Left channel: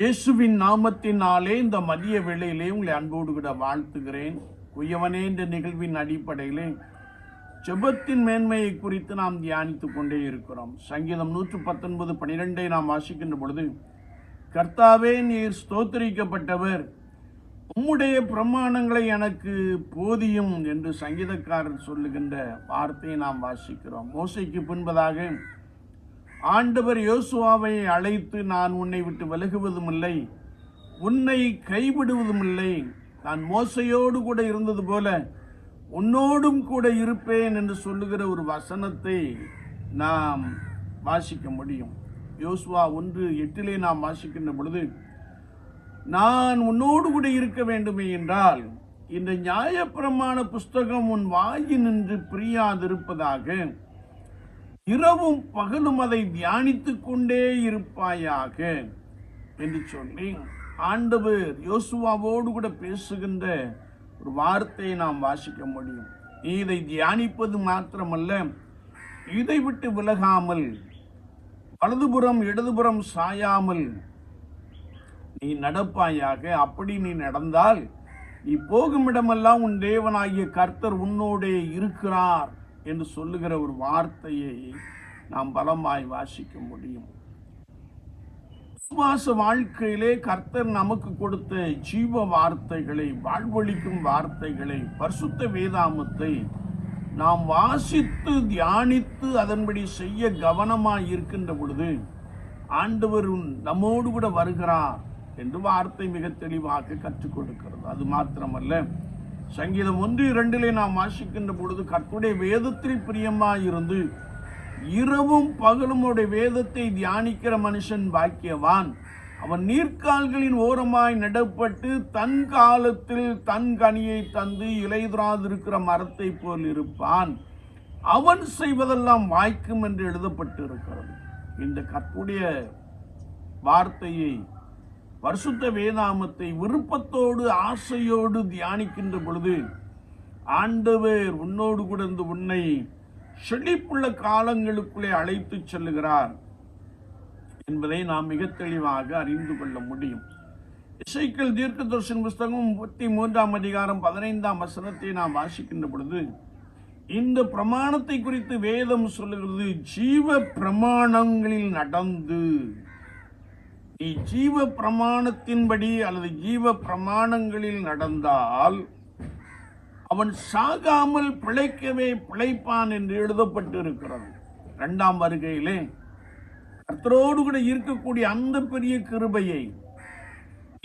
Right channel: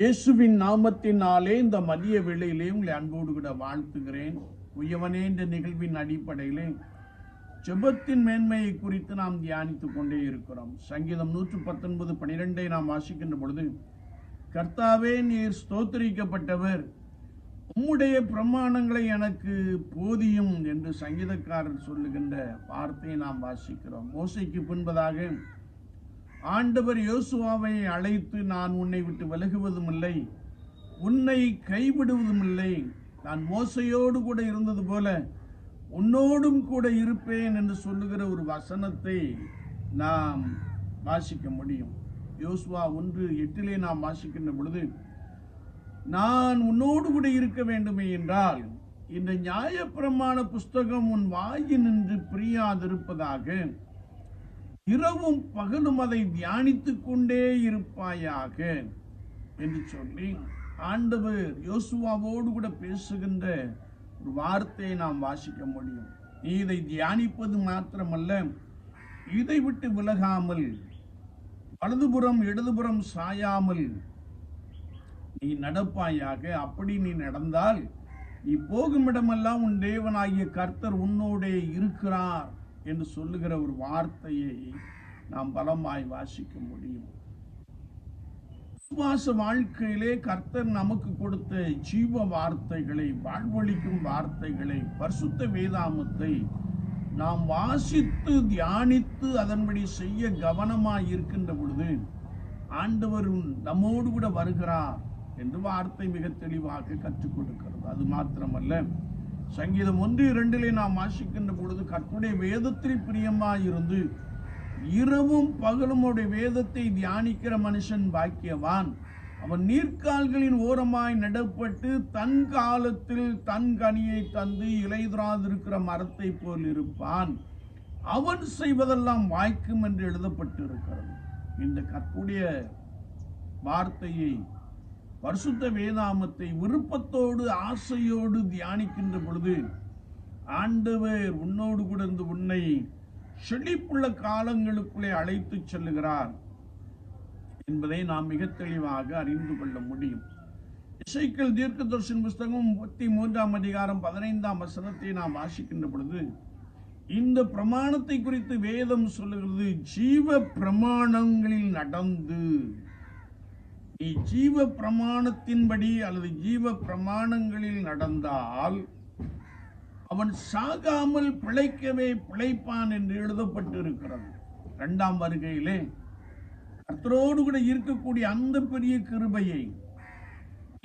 இயேசுவின் நாமத்தினாலே இந்த மதிய வேளையிலே உங்களை அன்போடு கூட வாழ்த்துகிறேன். குயவனே என்ற நிகழ்வின் அடிப்படையிலே ஜெபத்தின் மேன்மையை குறித்து நாம் தியானித்துக் கொண்டே இருக்கிறோம். சங்கீதம் 119:12 நாம் வாசிக்கின்ற பொழுது, கர்த்தாவே நீர் ஸ்தோத்திரிக்கப்பட்டவர், உம்முடைய பிரமாணங்களை எனக்கு போதியும் என்று சங்கீதக்காரர் சொல்லுகின்ற வார்த்தையை நாம் வாசிக்கிறோம். மோசேக்கு பின்பதாக ஆண்டவர் யோசுவாவை அழைத்து, நான் உன்னை விட்டு விலகுவதும் இல்லை, உன்னை கைவிடுவதும் இல்லை, நான் மோசையோடு கூட இருந்தது போல உன்னோடும் கூட இருப்பேன் என்று சொல்லுகிற ஒரு வசனத்தை நாம் வாசிக்க முடியும். யோசுவா 1:8 நாம் வாசிக்கின்ற பொழுது, நான் உன்னோடு கூட இருக்க வேண்டுமே என்றால் இந்த நியாயப்பிரமாண புஸ்தகம் உன் வாயினின்று பிரியாதிருப்பதாக, இரவும் பகலும் அதை தியானித்துக் கொண்டே இருப்பாயாக என்று சொல்லி ஆண்டவர் யோசுவாவோடு கூட பேசுகின்ற ஒரு வார்த்தையை நாம் வாசிக்க முடியும். நீ இதை தியானிப்பது மாத்திரமல்ல, இதை விட்டு விலகாமல் வலதுபுறம் இடதுபுறம் சாயாமல் நீ நடப்பாயாக. அப்படி நீ நடந்தால் நீ போகும் இடமெல்லாம் உன் தேவனாகிய கர்த்தர் உன்னோடே இருக்கிறார் என்று சொல்லுகிற ஒரு வார்த்தையை நாம் பலமாய் வாசிக்க முடியும். விசுவாச வாழ்க்கையிலே கர்த்தர் நமக்கு கொடுத்த ஜீவ வார்த்தைகளை, வாழ்வளிக்கும் வார்த்தைகளை, பரிசுத்த வேதாமத்தை நாம் வாசித்து தியானித்து அதன்படி செய்ய கவனமாய் இருக்கின்ற பொழுது ஆண்டவர் நம்மோடு கூட வருகிறார் என்று வார்த்தை மிக தெளிவாக கற்றுக் கொடுக்கிறது. அது மாத்திரமல்ல, சங்கீதம் 1:2 நாம் வாசிக்கின்ற பொழுது, கர்த்தருடைய வேதத்தில் பிரியமாயிருந்து இரவும் பகலும் அவருடைய வேதத்தை தியானிக்கிற மனுஷன் பாக்கியவான், அவன் நீர்க்கால்களின் ஓரமாய் நடப்பட்டு தன் காலத்தில் தன் கனியை தந்து இலையுறாதிருக்கிற மரத்தை போல் இருப்பான், அவன் செய்வதெல்லாம் வாய்க்கும் என்று எழுதப்பட்டு இருக்கிறது. இந்த கர்த்தருடைய வார்த்தையை, பரிசுத்த வேதாமத்தை விருப்பத்தோடு ஆசையோடு தியானிக்கின்ற பொழுது ஆண்டவர் உன்னோடு கூட இருந்து உன்னை செழிப்புள்ள காலங்களுக்குள்ளே அழைத்து செல்லுகிறார் என்பதை நாம் மிக தெளிவாக அறிந்து கொள்ள முடியும். எசேக்கியேல் தீர்க்கதரிசன புஸ்தகம் 33:15 நாம் வாசிக்கின்ற பொழுது, இந்த பிரமாணத்தை குறித்து வேதம் சொல்லுகிறது, ஜீவ பிரமாணங்களில் நடந்து, நீ ஜீவ பிரமாணத்தின்படி அல்லது ஜீவ பிரமாணங்களில் நடந்தால் அவன் சாகாமல் பிழைக்கவே பிழைப்பான் என்று எழுதப்பட்டு இருக்கிறது. 2ஆம் வருகையிலே கர்த்தரோடு கூட இருக்கக்கூடிய அந்த பெரிய கிருபையை,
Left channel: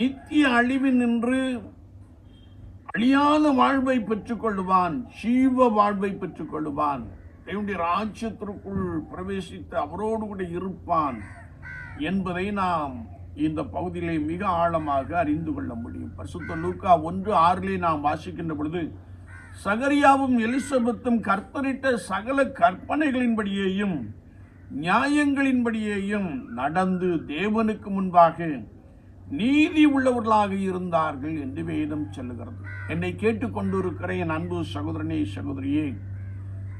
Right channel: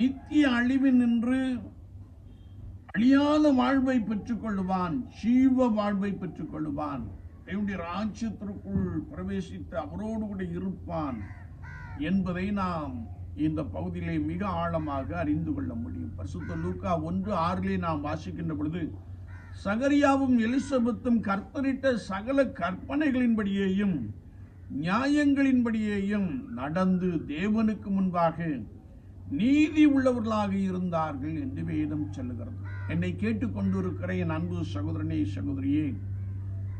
நித்திய அழிவில் நின்று அழியாத வாழ்வை பெற்றுக் கொள்வான், ஜீவ வாழ்வை பெற்றுக் கொள்வான், தேவனுடைய ராஜ்யத்திற்குள் பிரவேசித்து அவரோடு கூட இருப்பான் என்பதை நாம் இந்த பகுதியிலே மிக ஆழமாக அறிந்து கொள்ள முடியும். பரிசுத்த லூக்கா 1:6 நாம் வாசிக்கின்ற பொழுது, சகரியாவும் எலிசபெத்தும் கர்த்தரிட்ட சகல கற்பனைகளின்படியேயும் நியாயங்களின்படியேயும் நடந்து தேவனுக்கு முன்பாக நீதி உள்ளவர்களாக இருந்தார்கள் என்று வேதம் சொல்லுகிறது. என்னை கேட்டுக்கொண்டிருக்கிற என் அன்பு சகோதரனே, சகோதரியே,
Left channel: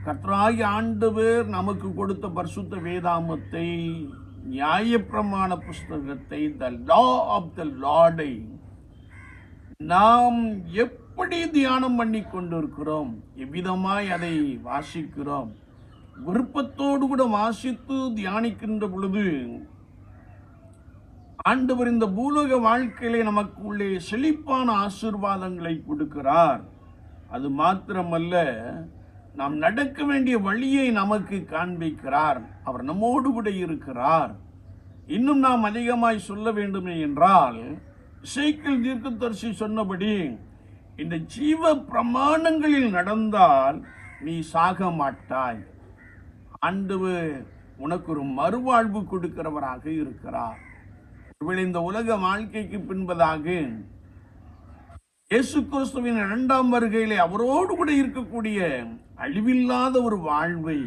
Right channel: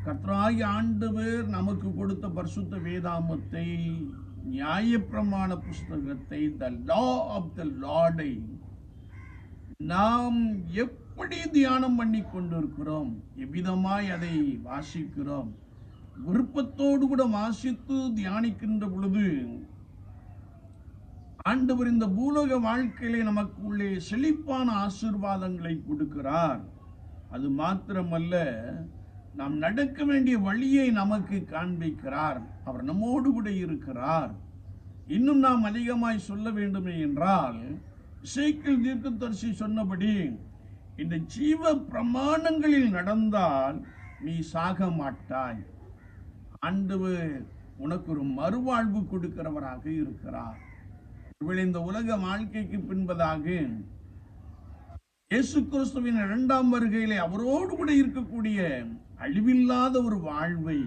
கர்த்தராகிய ஆண்டவர் நமக்கு கொடுத்த பரிசுத்த வேதாமத்தை, நியாயப்பிரமாண புஸ்தகத்தை, த லா ஆஃப் த லார்டை நாம் எப்படி தியானம் பண்ணி கொண்டிருக்கிறோம், எவ்விதமாய் அதை வாசிக்கிறோம், விருப்பத்தோடு கூட வாசித்து தியானிக்கின்ற பொழுது ஆண்டவர் இந்த பூலோக வாழ்க்கையிலே நமக்கு உள்ளே செழிப்பான ஆசீர்வாதங்களை கொடுக்கிறார். அது மாத்திரமல்ல, நாம் நடக்க வேண்டிய வழியை நமக்கு காண்பிக்கிறார். அவர் நம்மோடு கூட இருக்கிறார். இன்னும் நாம் அதிகமாய் சொல்ல வேண்டுமே என்றால், எசேக்கியேல் தீர்க்கதரிசி சொன்னபடி இந்த ஜீவ பிரமாணங்களில் நடந்தால் நீ சாக மாட்டாய். ஆண்டவர் உனக்கு ஒரு மறுவாழ்வு கொடுக்கிறவராக இருக்கிறார். இந்த உலக வாழ்க்கைக்கு பின்பதாக இயேசு கிறிஸ்துவின் 2ஆம் வருகையிலே அவரோடு கூட இருக்கக்கூடிய அழிவில்லாத ஒரு வாழ்வை,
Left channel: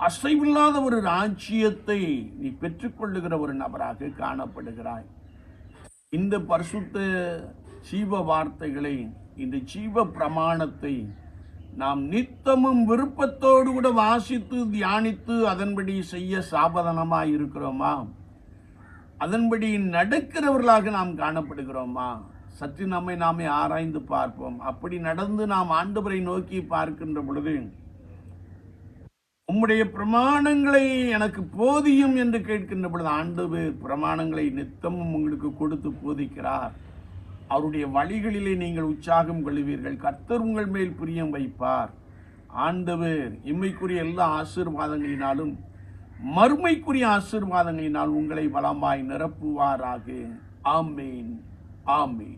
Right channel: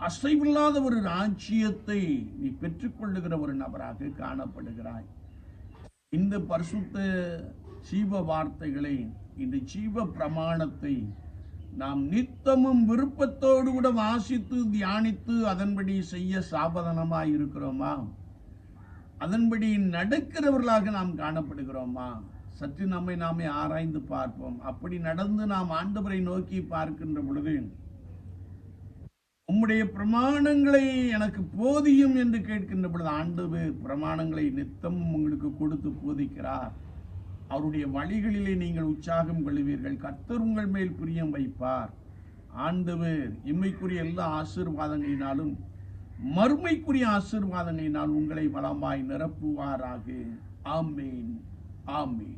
அசைவில்லாத ஒரு ராஜ்யத்தை நீ பெற்றுக்கொள்ளுகிற ஒரு நபராக காணப்படுகிறாய். இந்த பரிசுத்த ஜீவ வார்த்தைகளை, இந்த ஜீவ பிரமாணத்தை நாம் நித்தமும் விருப்பத்தோடு கூட வாசித்து தியானித்து அதன்படி செய்ய சாபதனமாய் இருக்கிறோமா? அதன்படி நடக்கிறவர்களாக நாம் காணப்படுகிறோமா? சற்று நம்மை நாமே ஆராய்ந்து பார்ப்போம். அப்படி நடந்து நாம் ஆண்டவரை நோக்கி பார்க்கின்ற பொழுது, உம்முடைய பிரமாணங்களை எனக்கு போதியும் என்று கேட்கின்ற பொழுது, ஆண்டவர் பிரமாணங்களை நித்தமும் உங்களுக்கு கொடுத்து போதிக்கிறார். அவருடைய வழிகளிலே நீங்கள் உற்சாகம் கொள்வீர்கள். கர்த்தர் உங்கள் மேல் பிரியம் வைப்பார். ஆண்டவர் இம்மைக்குரிய எல்லா ஆசீர்வாதங்களினாலும் மறுமைக்குரிய ஆசீர்வாதங்களினால் உங்களை வளமாய் நிரப்புவாராக. ஆமேன், ஆமேன்.